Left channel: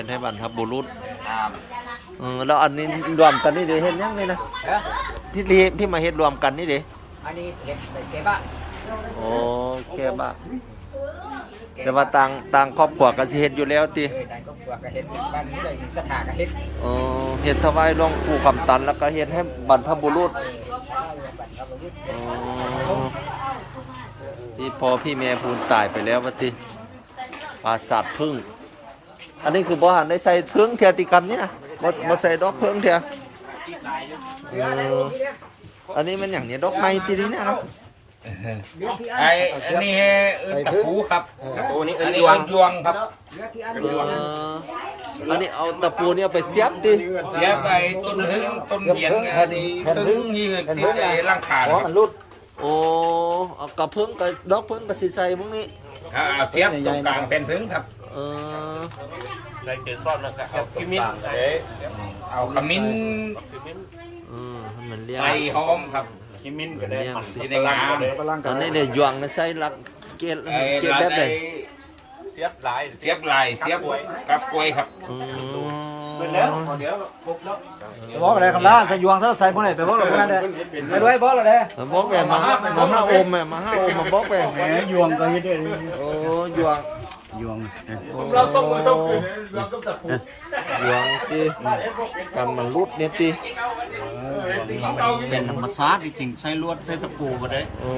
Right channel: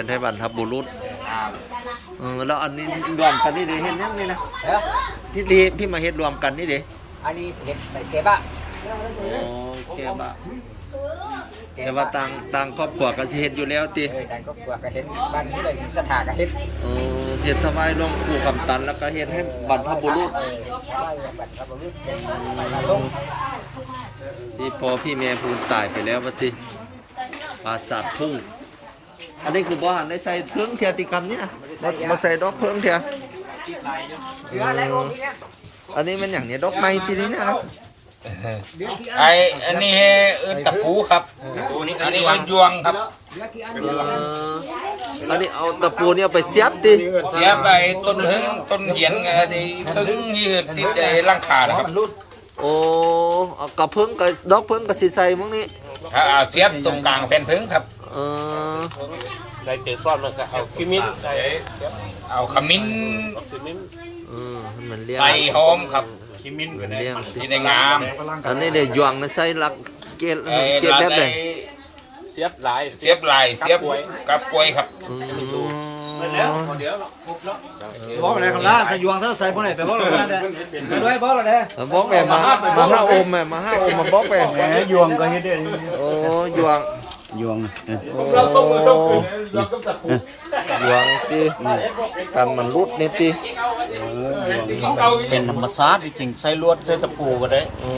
ฮ็ดให้บรรพบุรุษเออแล้วอันนี้รวมกันนี่เด้เฮ็ดยังนี่นะเอ้อที่ที่ที่มาเฮ็ดรวมกันนี่เด้อันนี้เห็ดใบเก็บอะโอ้แก่บ้าแต่ว่าต่างต่างครอบครัวก็สิเฮ็ดอยู่แล้วติเออแต่ก็กลัวก็เห็ดบ้านที่เลยมีสถานก็เห็ดเออเฮ็ดถวายหลวงปู่คำตันแล้วก็เฮ็ดให้บรรพบุรุษ เออเพราะว่าบัตรพระบุรุษเห็ดอ๋ไปมาอส่งที่พอพี่แม่พูนตายไปแล้วว่าติปราสาทพึ่ง อันนี้คือบ่หันได้ใส่พึ่งเทียติกรรมนี่นะบ่บ่ใส่ดอกพึ่งเทียเอออันนี้มันอย่างเนี้ยดอกไม้ที่นี่นะครับไออันนี้เอิ้นตะปูครับ อันนี้เอิ้นยวงครับ เอออันนี้เอาตะปูเนี่ยเอาไปเสียบติเสียไปต้นหึงต้นเหยียนไอ้พึ่งที่ติดในร่างขานะครับโอ้เอากระพึ่งกับดอกพึ่งกับสีใส่มึงนี่อ่าเสียบตรงกลางแผ่นพึ่งครับ เออเอาขมิ้นเออให้มันเลี้ยงใส่หอมครับมันเลี้ยงสิที่ได้งามอันนี้เดี๋ยวยวงนะใส่ลักเกล็ดเกล็ดแบบเลยเสียบลายเสียบลายเสียบกับกล้วยครับอืมบอกอะไรกันล่ะจะยวงซะใส่พวกไหนไปบอกอะไรกันเลยไปด้วยบอกอะไรเอาบอกแม่มามาห้าโอมแม่มาห้าโอมมาบอกแม่แหมยวงก็เฮ็ดได้โอ้ยวง ยวงโอ้ยวงตีกันมันรุดนี่ตีเป็นธรรมชาติจริงๆใส่ลวดใส่ตะปูก็ได้โอ้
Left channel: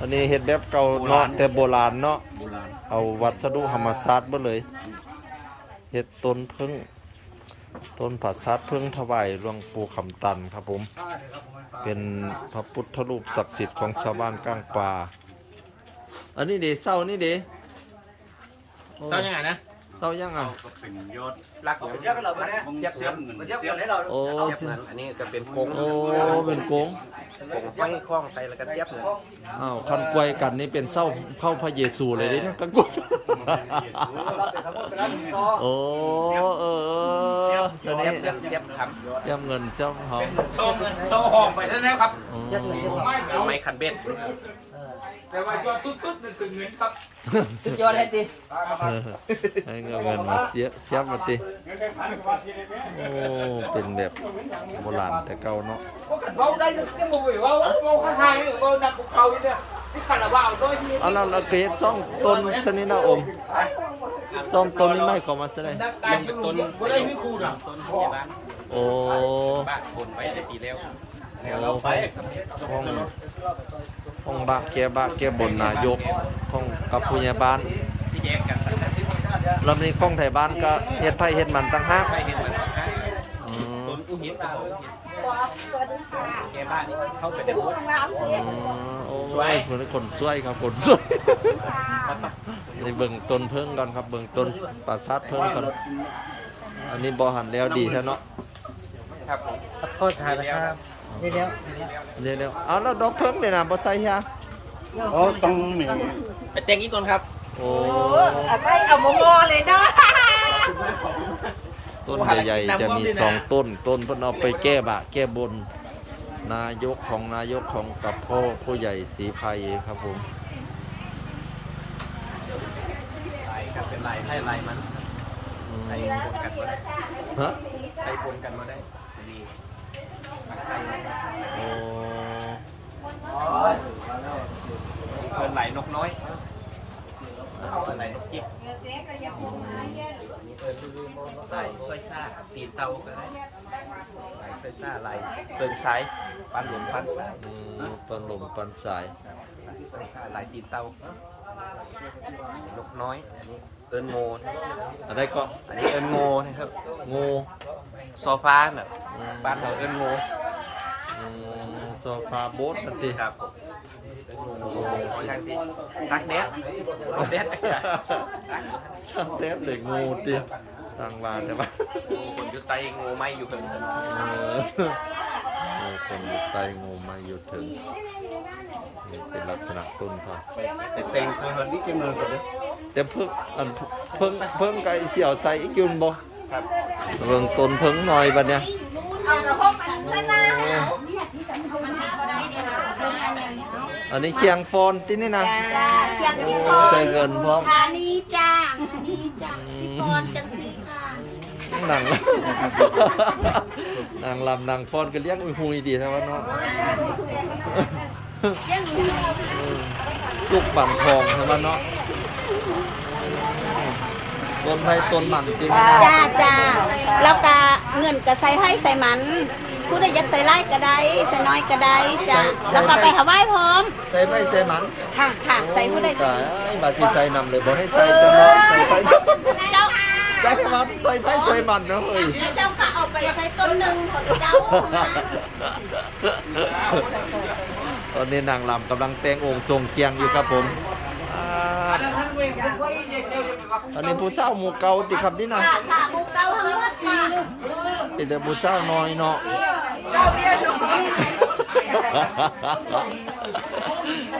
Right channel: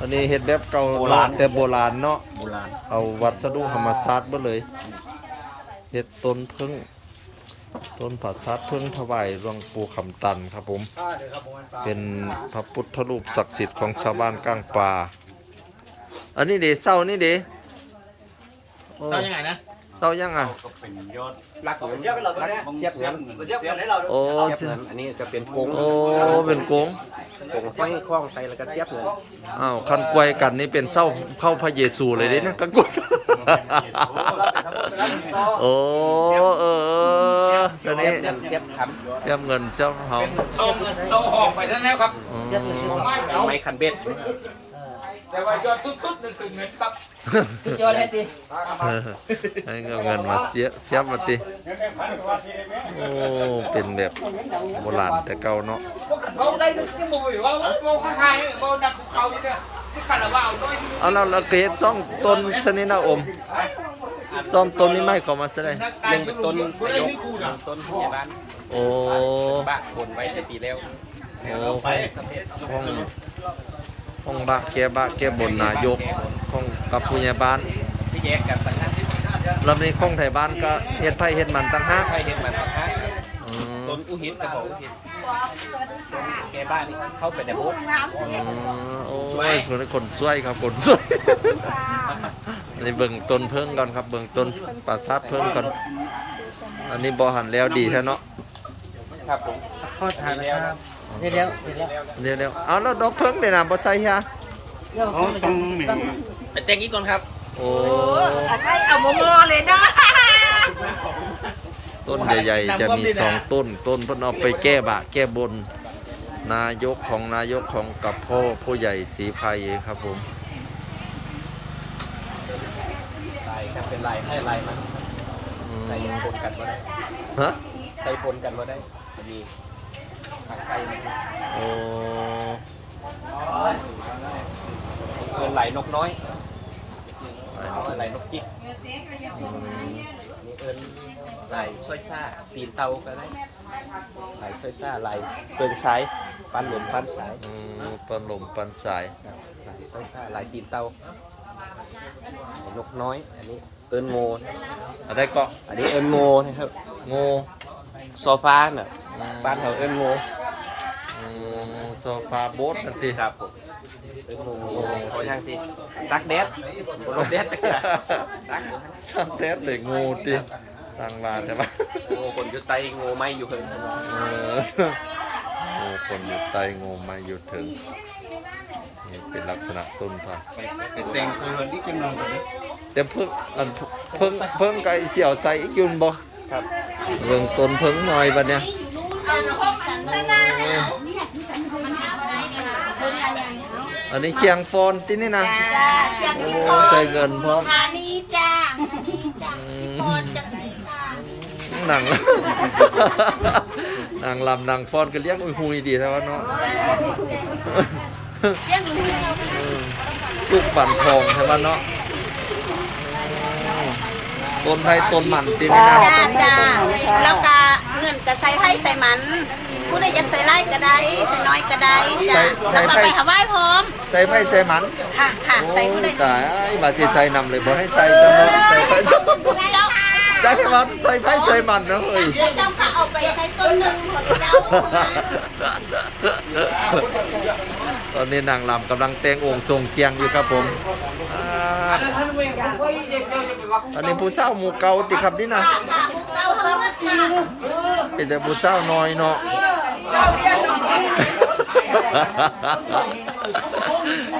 อันนี้เฮ็ดแบบเก่าเนาะแต่โบราณเนาะโบราณเอาวัสดุธรรมศาสตร์มาเลยเฮ็ดต้นพึ่งต้นผักซัดพึ่งถวายหลวงปู่คำตันครับผม เป็นพระพุทธรูปศักดิ์สิทธิ์ของชาวบ้านก้างปลาอันนี้เดเศร้านี่เด โอ้ใส่ยังไงนะเศร้ายังอะเป็นยอดเสียบไปเราก็ได้เสียบเสียบเสียบกันให้เราโอ้เสียอันนี้จะเป็นโกงโอ้เป็นโกงโกงไฟคล้องใส่แล้วก็เสียบเนี่ยอ้าวคันกวยกันนี่เป็นเศร้าเข้าพระเยซูเลยเด้นะกันกวยโอ้เออเออสนิเสียบเสียบครับเสียบเงินเสียบหอมส่งส่งหอมไปท่านแล้วครับอืมไม้คันเบ็ด แต่ว่ายอดทุดๆนี่คือเงินครับสุดยอดให้ตีเออให้เอาเงินมาเสียเสียบมาติโอ้เป็นแบบโบราณแต่เก่าเนาะเบาได้มันก็บ่อยว่าเบาข้างในเบานักของเขาเนี่ยที่ขันว่าเอาด้วยที่เอาแล้วเราเกรดซ่องต้นชนิดนะอมซ่อมต้นนี้ไม่เข้ามาซะเลยลงต้นต้นต้นที่บ้านโอ้บ้านคนไว้แต่ปีแล้วโอ้ห้อง ห้องบะแกบะแกบนนายกห้องกับผู้ใหญ่บ้านแยกกันต่างหากลำนี้ห้องไทยบ้านก็เฮ็ดไผเฮ็ดมันต่างหากใช่เห็นมันต่างหากต้นอุหินกระบอกอุหินแกบ้านเข้าไปแต่บุกอืมโอ้ยเพิ่นคนสวยครับคนสวยนนี้เบิ่งต้นเพิ่งก่อนครับเบิ่งต้นปราสาทเพิ่งก่อน อันนี้บ่หันแล้วดีแท้เนาะครับผมโทษทานนะครับ เดี๋ยวเดี๋ยวเดี๋ยวๆเอาแล้วดอกเพิ่งนี่น่ะบ่ใส่ฮะอ๋อต้องหนึ่งไปแต่งอีกคนครับโอ้ไปเอามามอเลยเนาะต้นใหญ่ๆ จะมีสองต้น ต้นเพิ่นเอาไปแก้บะ แก้บน นายกของนายกของกับพ่อผู้ใหญ่ศรีภัยครับผมลายครับเป็นลายใช่ลายมันอืมใส่พรมกันฮะใส่พรมกันก็ได้มีมันใส่ โอ้เป็นลายนกน้อยลายนกจิกอืมลายสร้อยซ่าตีนเตาก็ได้ลายสร้อยซ่าลายเชิงซ้ายปันหลงปันซ้ายอืมปันลมปันสายสร้อยซ่าลายตีนเตานกน้อยอันนี้เอิญโงอะไรก็อันนี้เอิญโงนะครับโง่ โซฟาเนี่ยอืมบ้านเราเอิญโงอืมโซฟาโบ๊ทนั่นติครับผมเอิญโงไปทางที่รักแดดแดดทำแทบเลยงูติสั่งมาแต่ว่าโอ้คนอยู่ใต้โงไม่อยู่เพิ่นเออโอ้คนอยู่ใต้งูมาอยู่ถึงนี่เป็นลักษณะต้นผักไปไปแต่งคนวันนี้จะนอนกันเลยแต่เพิ่งอันเพิ่งเพิ่งไก่เสี่ยวใส่อีกอยุนบ่ครับ เบิ่งต้นเพิ่งหน่อยบัดเนี่ยอันนี้เคียงโฟนที่นี่นะโอ้ใส่เงินพร้อมพานีจ้าพานีจ้าอืที่มคอนจังสีค่ะนางนางลำนางฟอนก็เลี้ยงอุ้ยหุยดีแต่ว่าเนาะสุกบั่นทองใช่ไหมเนาะต้นไผ่ต้นมันตีนี่นะจ้าจ้า แล้วก็เงินก็ใส่ไผ่ใส่มัน ผู้ใดอยากใส่ไร่ก็ได้ใส่น้อยก็ได้จ้าแล้วก็ไปหาไหว้พร้อม ใส่ไผ่ใส่มันค่ะค่ะโอ้ใส่ผู้ใดยตายไอ้บาสิใส่นำเลยบอกให้ใส่จังเนาะใส่ไผ่เจ้าจ้าแค่ว่าใส่ไผ่ใส่มันนะเฮ้ย แล้วเจ้าก็เอาไปใส่ต้นหนึ่งของเจ้าตอนนี้นางลำกำลังแต่งองค์ทรงเคียงอยู่ครับผมอ่าอันนี้ผู้เศร้าหมู่เก่าติครับนี่นะค่ะค่ะมุกเจ้าทั้งหมดค่ะ เป็นแต่ผู้เศร้าน้อยเนาะเจ้าเดียวหนู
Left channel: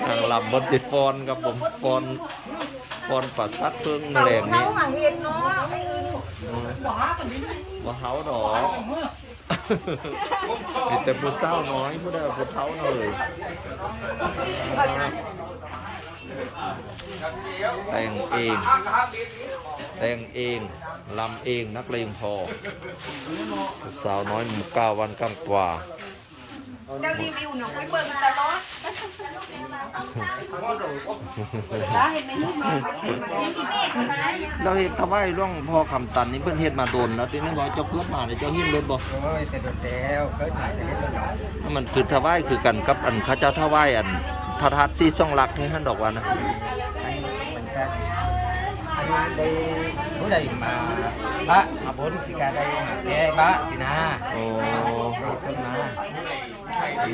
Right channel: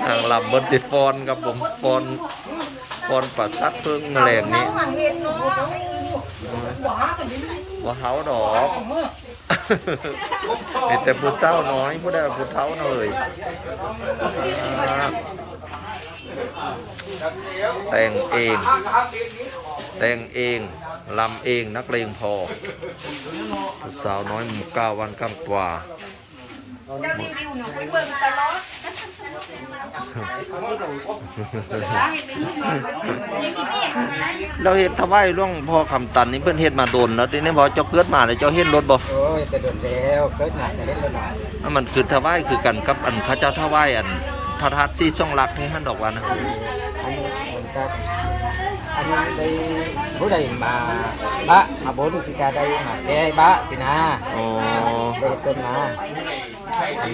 นางลำบนสิฟอนครับผมฟอนฟอนปัดซัดเพิ่งแมลงนี้หวังเห็นเนาะอืมว่าเฮาดอกมีแต่ผู้เศร้าน้อยผู้ใดว่าผู้เฒ่าน่ะเลยอ่าแต่งเอง แต่งเอง ลำเองนักเลงพอผู้สาวน้อยหมู่เก้าวันกำกว่าเจ้ารีวิวหนูไปเบิ่งตลอดเราเห็ดทวายร่วงพอคำตันนี่เพื่อนเฮ็ดมาโดนแล้วทีนี้พอเจ้าเกิดมาเลยเจ้าเห็นรถบ่โอ้ยแต่โดนแล้วเกิดมาจะเล่นแล้วหน่อยนั่นมันคือทวายคือกันกับอันเข้าเจ้าทวายอันพระธาตุซีซ่องรักให้ท่านดอกว่านะ อันนี้มันก็อันนี้ได้ผู้ใดมาบะมาบนสิกาได้มาแก้บะสินะโอ้ได้ต้นมา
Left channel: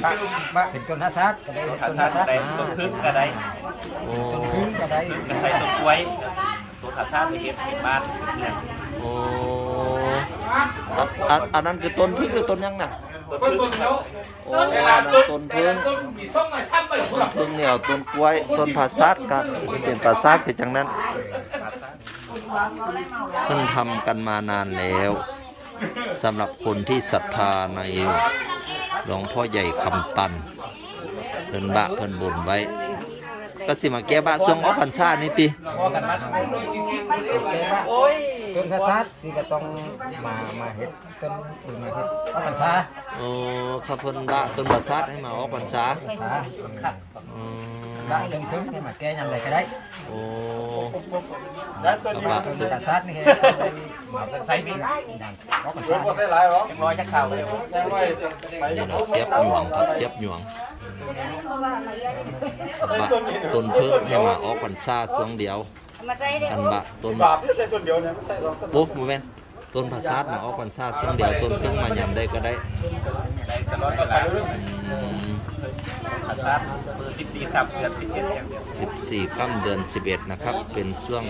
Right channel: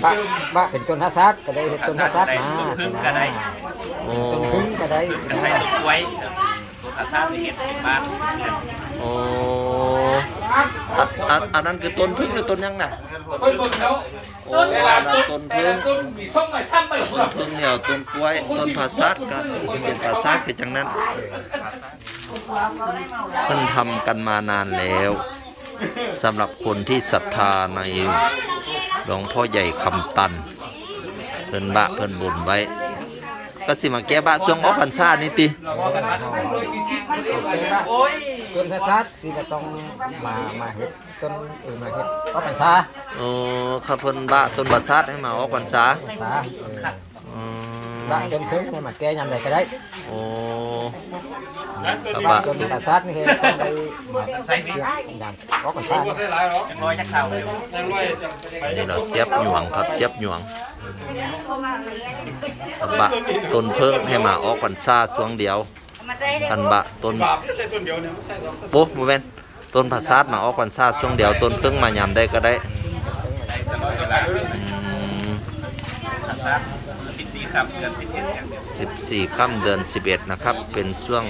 บะบะเป็นต้นฮัสซักก็ได้ต้นฮัสซักมาสินะโอ้ต้นพึ่งก็ได้ก็ใส่ตัวกล้วยตัวกระซ่านี่เป็นบ้านโอ้อันอันอันนั้นคือต้นพึ่งหรือต้นยังน่ะ โอ้อันนั้นต้นพึ่งต้นพึ่งเหนียวต้นกล้วยต้นผาซัดกันเป็นผาซัดเป็นจังนั้นเพิ่นทำกันมานานแล้วสำหรับคนที่ศรัทธาในหลวงพ่อใหญ่คำตัน เพิ่นบะเพิ่นบุญไว้ ก็สิมาแก้บะช่วงออกพรรษานี่ติ แก้บะต้นฮัสซักสิก็ต้องมามาเฮ็ดต้นอื่นมาเฮ็ดก็ปัญชาโอ้ข้าเพิ่นบะต้นบะซัดให้มาออกพรรษาปัญชาเอออืมบะต้นพึ่งเนี่ยมาแก้ยำใดก็ได้โอ้ต้บะนฮัสซักนี่คือได้มาใช้ปียำก็ปัญชาร้อยจะเข้าเลยนี่เราเสียบหยวงครับเสียบหยวงอันบะต้นเพิ่งให้มาออกพรรษาช่วงเดียว อันบะต้นปุ๊บโมเวนต้นผักซาดมาออกพรรษาช่วงเดียวต้นเพิ่งมายำได้ก็ได้อืมสิบสี่ครับเดือนสิบเอ็ดเดือนเดือนสิบสี่ค่ำเดือนสิบเอ็ดนะครับ เป็นช่วง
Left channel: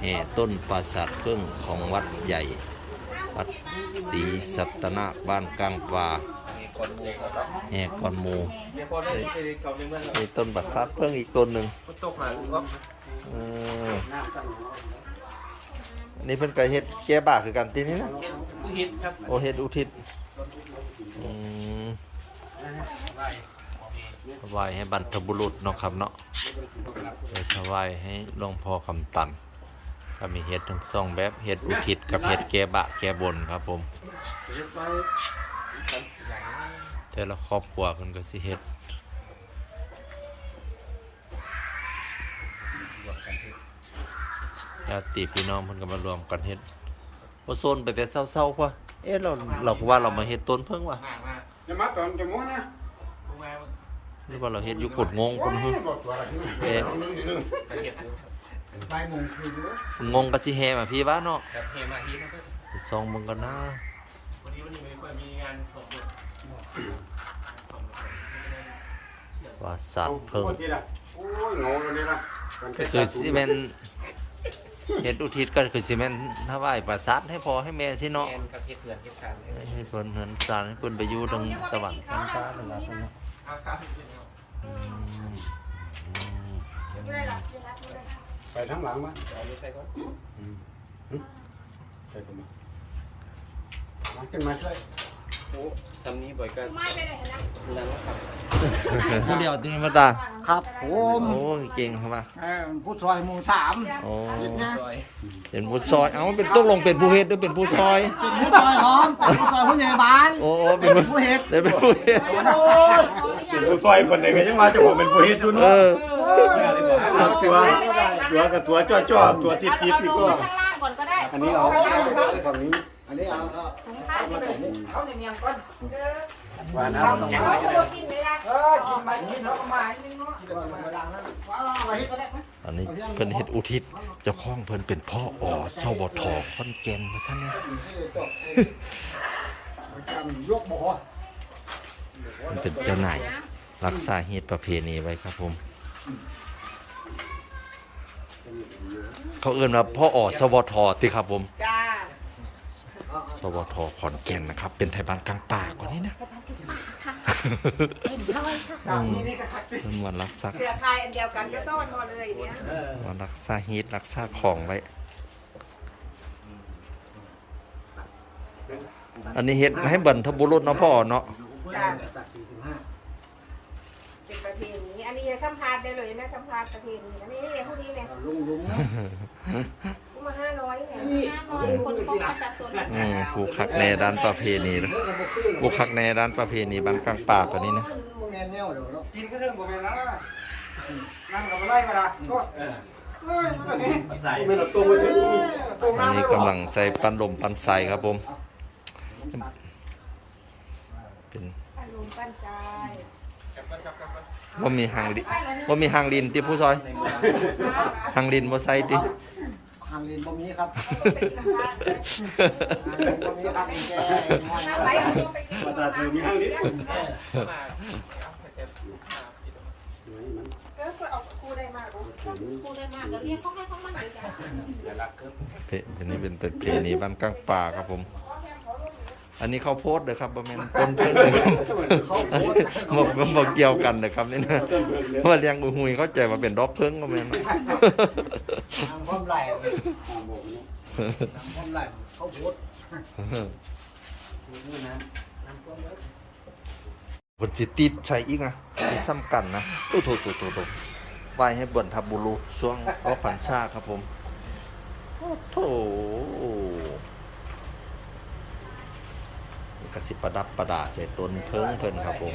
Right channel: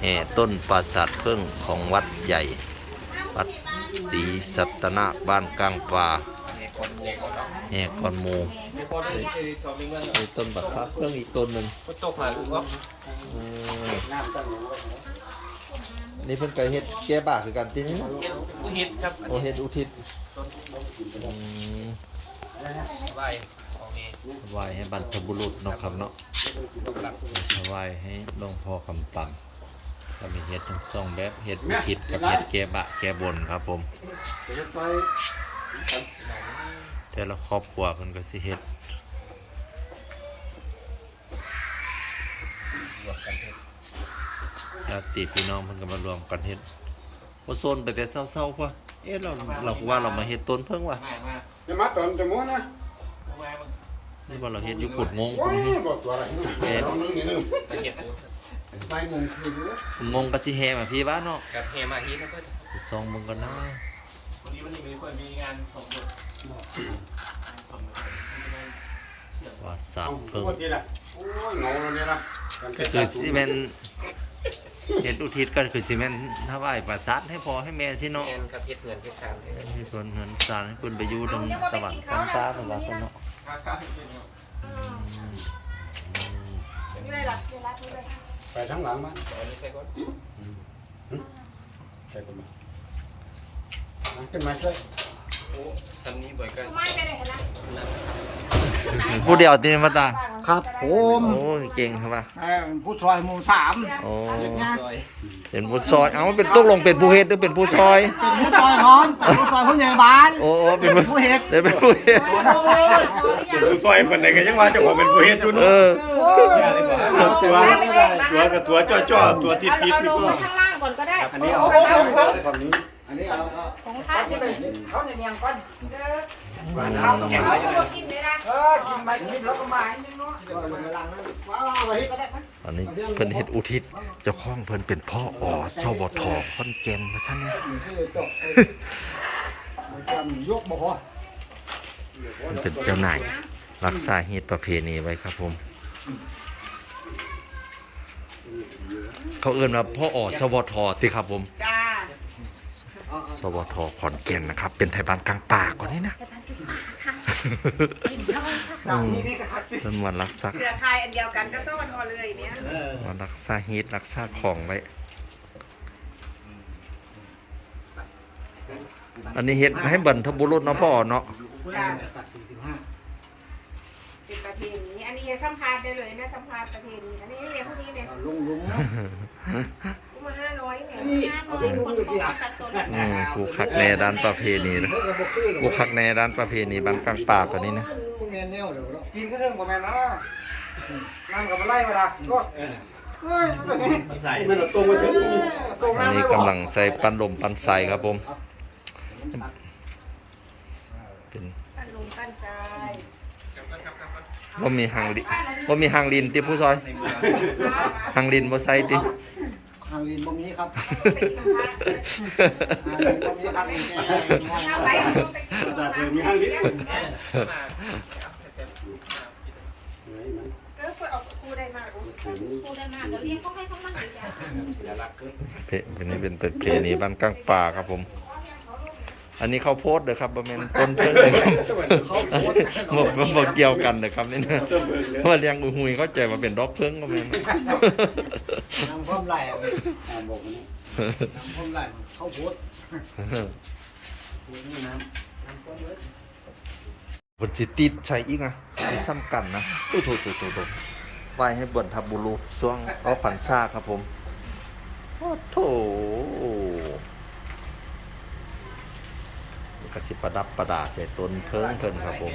แห่ต้นปราสาทเพิ่งของวัดใหญ่ วัดศรีสัตนาบ้านกลางป่ามีคนมูเขาก็แห่ก่อนหมูมีต้นปราสาทเพิ่งอีกต้นหนึ่ง ตกมาก็เอออันนี้เพิ่นก็เฮ็ดแก้บาคือกันตินี่นะอุทิศครับโอเฮ็ดอุทิศอืมไหวของเองถวายให้บรรพบุรุษเนาะครับเนาะเดี๋ยวถวายให้หลวงพ่อคำตันก็มีเฮ็ดทั้งสองแบบเฮ็ดอุทิศกับเฮ็ดแก้บะแก้บนครับผม แต่ละครอบครัวเพิ่นก็สิเฮ็ด รวมกันเถอะญาติพี่น้องเพิ่นก็มารวมกันเฮ็ดบ่โซนไปแต่เศร้าๆพ่อเอ๊ะเราเราก็ว่าเรามาเฮ็ดต้นเพิ่งว่ะจะมาตอนจะม้วนนะหรือว่าเราเฮ็ดอยู่กุดงงพุ่นฮึเอ๊ะกระเทียมดูไปมงคืองงก็สิแห่มาพี่บ้านเนาะกับเฮมาฮีนะเพื่อนไปส่องมึงกันนะวันนี้วันนี้ไม่ค่อยมีงานของว่าสัตว์เพิ่งนี่แหละโอ้ยงงแล้วเนี่ยนะ ก็คือสิแม่นเฮ็ดอุทิศก็คือสิแม่นถวายประสาทให้พ่อให้แม่สิเนาะแอนกับเฮ็ดเงินเฮ็ดการให้ส่วนเหินสารให้เพิ่นไปอยู่ทางสวรรค์สันฟ้าเพิ่นว่าเพิ่นเนาะอืมอืมไปทั้งหลังมั้ยตอนนี้ใส่ก่อนใช่คนมาขึ้นมาช่วย จำนี้บ่อยก็นั่งนะครับผู้เดียวตีมาตา ครับผมโอ้ยเก่งครับว่าเอ่อผู้ซอยหมู่สามโอ้ซอยเป็นผู้ซอย เอาเป็นตกลงเป็นผู้เฮ็ดหรือเป็นผู้ซอย เป็นผู้ซอยพร้อมเป็นผู้ซอยผู้ใหญ่บ้านโอ้โอ้เป็นผู้เฮ็ดได้เป็นผู้เฮ็ด ผู้ซอยคนไหนก็ยังว่าเจ้าของเป็นผู้เฮ็ดอยู่เอเนาะอ ตัวตัวกับตัวจ่อจ่อๆตัวติดติดนี่ก็ข้างล่างก่อนก็ได้อันนี้เอาฝั่งนี้ อันนี้เอาเอาของข้าจะเป็นเขาเนี่ยยังก่อนว่าน้ำแข็งไว้จะได้กินไม่ได้ลงไปล้างนะว้าวเอาไปเฮ็ดก็ได้อันนี้เพิ่นเฮ็ดอุทิศเจ้าของเพิ่นเป็นพ่ออสวทขอนแก่นมาซะเนี่ยยกบ่อมันเป็นเจ้านายรักษาเหตุประเพณีไว้ครับผมเขาเอื้อนว่าพ่ออสวทติครับผม วทขอนแก่นนะครับ เป็นไทยบ้านกลางป่าก่อนนี่นะอืมเป็นวันรักษาเครือข่ายอันเดียวกันก็ซ่อนมาเลยเนี่ยวันรักษาฮีตรักษาของไว้ อันนี้เฮ็ดให้บรรทบุรุษเนาะพ่อเนาะจ้าตัดสี่สิบห้าเป็นประเพณีอันนี้สัมภาษณ์ได้เลยนะสัมภาษณ์ประเพณีอันนี้เนี่ยพวกนี้เนี่ยลุงลุง มาห้าร้อยเนี่ยนี่เอาไปลุงอยู่ที่ไหนอืมผู้คักแน่ด้านประเพณีนะผู้คักแน่ด้านประเพณีบ้านกลางป่าตัวนี้นะมึงแน่แน่วเดี๋ยวเรากินก็เรื่องบ่แม่นละน้ำกับมาไล่มาดาก็เอ้ยมันนี่ใส่ไม่เราตรงมาถึงนี่ตรงอันน้ำนี้กำลังใส่ปันลมปันใสครับผม เป็นอันลุงกันชายว่ามีหางลิว่ามีหางลินติผู้ซอยหางลินบ่ใส่ติหางลินบ่มีครับหางลินบ่มีครับแกน้อยเอาไปนะเอาไปแต่เธอมีห้างลิ้นเออเอาคู่ได้มากคู่ได้มากเรียกเขาให้เขามาเลยจ้าอย่ารักเกินเพเป็นนี้เป็นประเพณีบ้านกลางป่าครับผม อันนี้เขาวโพดเด้อครับบ่แม่นต้นเพิ่งเลยครับบ่บ่บ่เกี่ยวกันเด้อครับนี่นะว่าเลี้ยงอุหุยเข้าใจว่าเป็นดอกเพิ่งก็แม่นทางพร้อมไหลพร้อมไหลเขาโพดบนจิติดใช้อีกอะมีซ้ำกันนะตู้โตโตโตโตไว้ให้เบิ่นทับบุรุษช่วงออกพรรษาครับผมโอ้โถนี่ กระสิประดับประดาใส่ต้นเพิงเพิ่นครับผม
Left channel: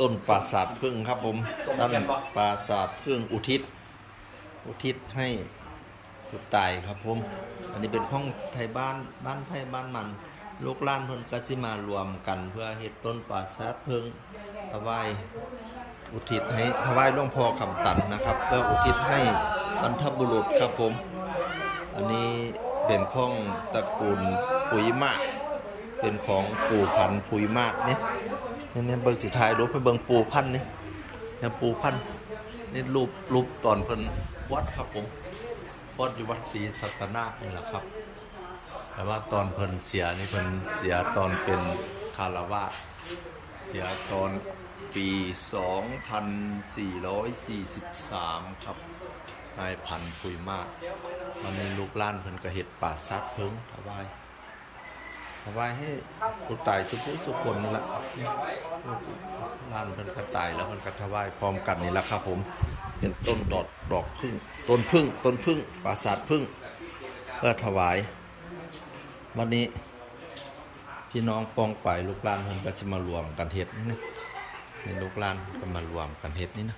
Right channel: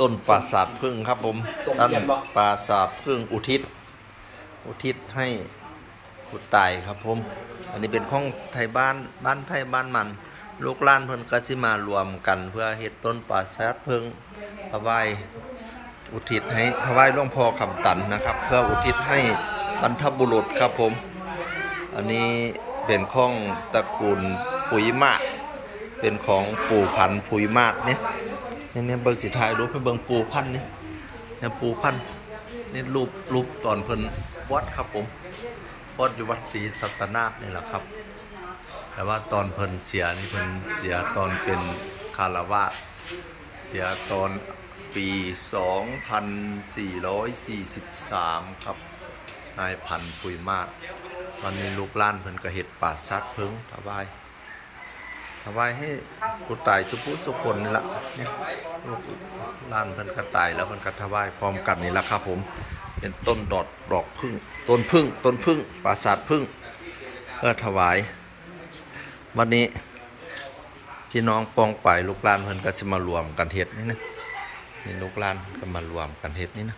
ต้นปราสาทพึ่งครับผมต้นปราสาทพึ่งอุทิศ อุทิศให้ผู้ตายครับผม อันนี้เป็นของไทยบ้านบ้านไผ่บ้านมัน ลูกล้านเพิ่นก็สิมารวมกัน เพื่อเฮ็ดต้นปราสาทพึ่งถวาย อุทิศให้ถวายหลวงพ่อคำตันนะครับ เพื่ออุทิศให้บรรพบุรุษครับผม อันนี้เป็นของตระกูลปุ๋ยมาเป็นของปู่พันธุ์ปุ๋ยมากเนี่ยเนี่ยเนี่ยเบิ่งสิถ่ายรูปให้เบิ่งปูพันธุ์นี่เนี่ยปูพันธุ์นี่รูปรูปตอนเพิ่นวัดครับผมวัดอยู่วัดศรีสัตนาคนี่แหละครับ แต่ว่าตอนเพิ่นเสียนี่เพิ่นเสียตอนเป็นคารวาสเสียตอน ปี 2443 ครับ นายพันธุ์ปุยมาศตอนนี้ลูกล้านเพิ่นก็เฮ็ดป่าซัดเพิงถวายถวายให้ผู้ตายสุภุสุคนนี่ละเนี่ยลูกล้านเพิ่นก็ตายแล้วเพิ่นก็ถวายพร้อมกันนี่ละครับผม เป็นต้นดอกดอกพึ่ง ต้นพึ่ง ต้นพึ่งปราสาทพึ่ง เพื่อถวาย วันนี้พี่น้องปองไปลูกหลานเพิ่นก็สิมารวมกันเฮ็ดนี่นะ นี่ลูกหลานก็มารวมกันเฮ็ดนี่นะ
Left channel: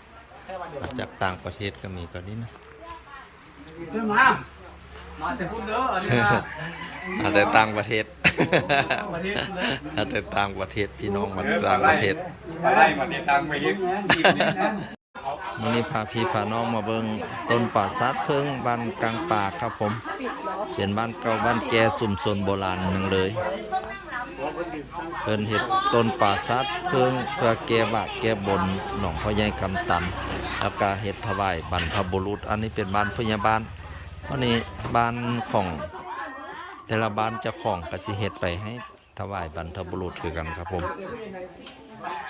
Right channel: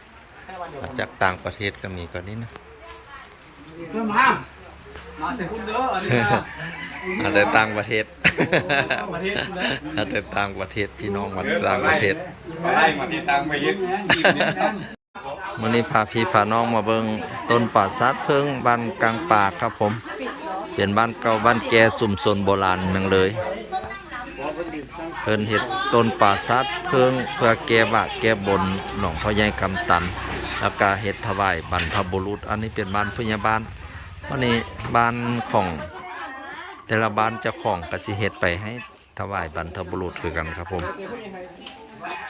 มาจากต่างประเทศก็มีก็นี่นะเพิ่มห้ามมาแต่พุ่นเด้ออันนี้นะอาจจะต่างประเทศประเทศพุ่นเด้ออาจจะต่างประเทศพี่น้องมาต่างประเทศมาไล่มาติดตามไปเฮ็ดมื่อนี้พาพี่พาน้องมาเบิงต้นป่าซัดเพิงบ้านกลางป่าครับผม เป็นบ้านเก่าบ้านแก่สุ่มสนโบราณนังเลย เพิ่นเฮ็ดต้นป่าซัดเพิงเพื่อแก้บาแก้บนหนองพ่อใหญ่กำตันแล้วก็เฮ็ดถวายบรรพบุรุษ อันนี้เป็นบ้านพยาบาลวันนี้บ้านของแต่ละบ้านจ้าของก็สิเฮ็ดไปให้ถวายบรรพบุรุษคือกันครับผม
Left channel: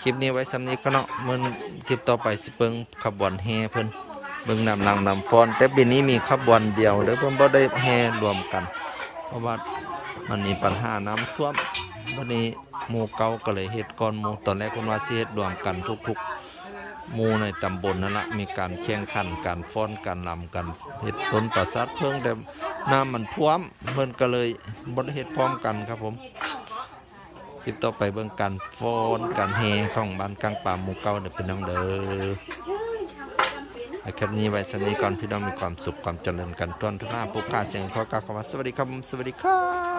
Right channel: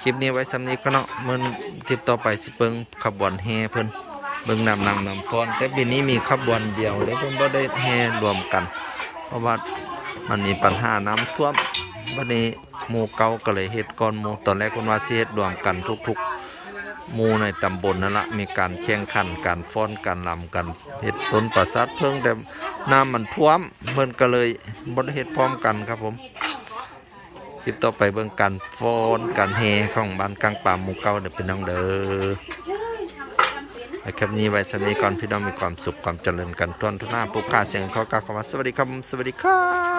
คลิปนี้ไว้สำนี้ก็เนาะเมื่อคลิปต่อไปสิเปิงขบวนแห่เพิ่นเบิ่งนำนางนำฟอน แต่ปีนี้มีขบวนเดียวแล้วเพิ่นบ่ได้แห่รวมกัน เพราะว่ามันมีปัญหาน้ำท่วม วันนี้หมู่เก่าก็เลยเฮ็ดก่อนหมู่ตอนแรกเพิ่นว่าสิเฮ็ดรวมกันทุกๆหมู่ในตำบลนั่นละมีการแข่งขันการฟ้อนการลำกันเฮ็ดต้นประสาทเพิ่งแต่น้ำมันท่วมเพิ่นก็เลยบ่ได้เฮ็ดพร้อมกันครับผมคลิปต่อไปเบิ่งการฟ้อนการแห่ของบ้านกลางป่าหมู่เก่าเด้อพี่น้องเด้อนะครับนี้ไว้สำนี้ก่อนพี่น้องมีความสุขความเจริญกันทุนทุกหน้าผู้ค้าเสียงขอกล่าวคำว่าสวัสดีครับสวัสดีครับ